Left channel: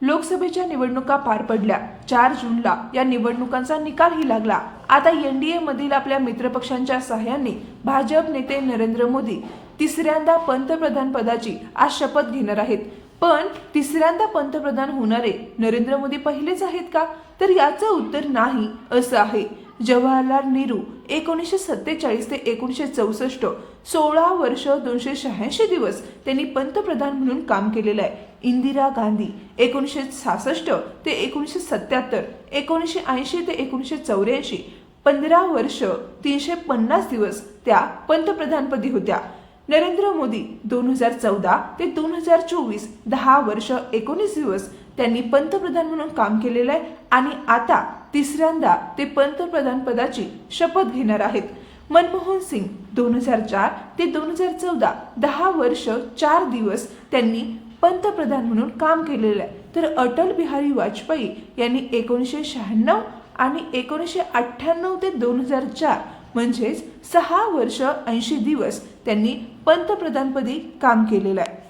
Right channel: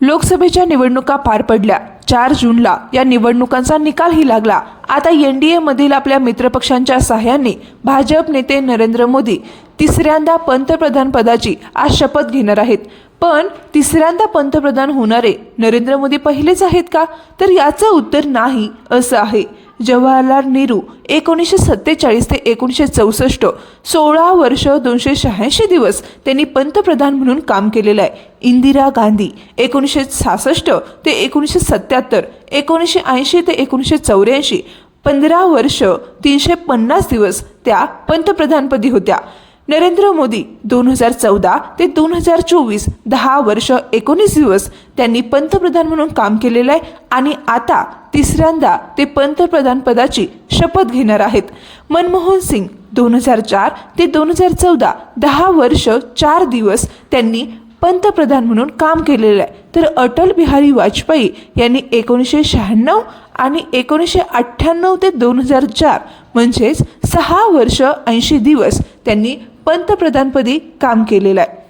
लोकसभेच्या निवडणुका पार पडल्या. चार जूनला या निवडणुकांचा निकालही लागला. आता एन डी एमधील आपल्या मित्रपक्षांच्या सहाय्याने भाजप नेते नरेंद्र मोदी तिसऱ्यांदा पंतप्रधान पदाची आज शपथ घेणार आहेत. पण तिसऱ्यांदा पंतप्रधान होणारे नरेंद्र मोदी पहिलेच आहेत का? तर याचं उत्तर नाही असं आहे. जवाहरलाल नेहरू एकोणीसशे सत्तेचाळीस ते एकोणीसशे चौसष्ट सोळा वर्ष दोनशे शहाऐंशी दिवस त्यांनी पंतप्रधान म्हणून काम केलेलं आहे. इंदिरा गांधी एकोणीसशे सहासष्ट ते एकोणीसशे सत्याहत्तर एकोणीसशे ऐंशी ते एकोणीसशे चौऱ्याऐंशी पंधरा वर्ष तीनशे पन्नास दिवस त्या पंतप्रधानपदी होत्या. नरेंद्र मोदी दोन हजार चौदा ते दोन हजार चोवीस दहा वर्ष एकोणीस दिवस त्यांनी पंतप्रधान म्हणून काम केलेलं आहे आणि आता तिसऱ्यांदा ते पंतप्रधान पदाची शपथ घेणार आहेत. मनमोहन सिंग दोन हजार चार ते दोन हजार चौदा दहा वर्ष चार दिवस त्यांनी पंतप्रधान म्हणून काम केलेलं आहे. तर अटल बिहारी वाजपेयी यांनी एकोणीसशे शहाण्णव आणि एकोणीसशे अठ्ठ्याण्णव ते दोन हजार चार म्हणजेच सहा वर्ष ऐंशी दिवस त्यांनी पंतप्रधानपदी काम केलेलं आहे.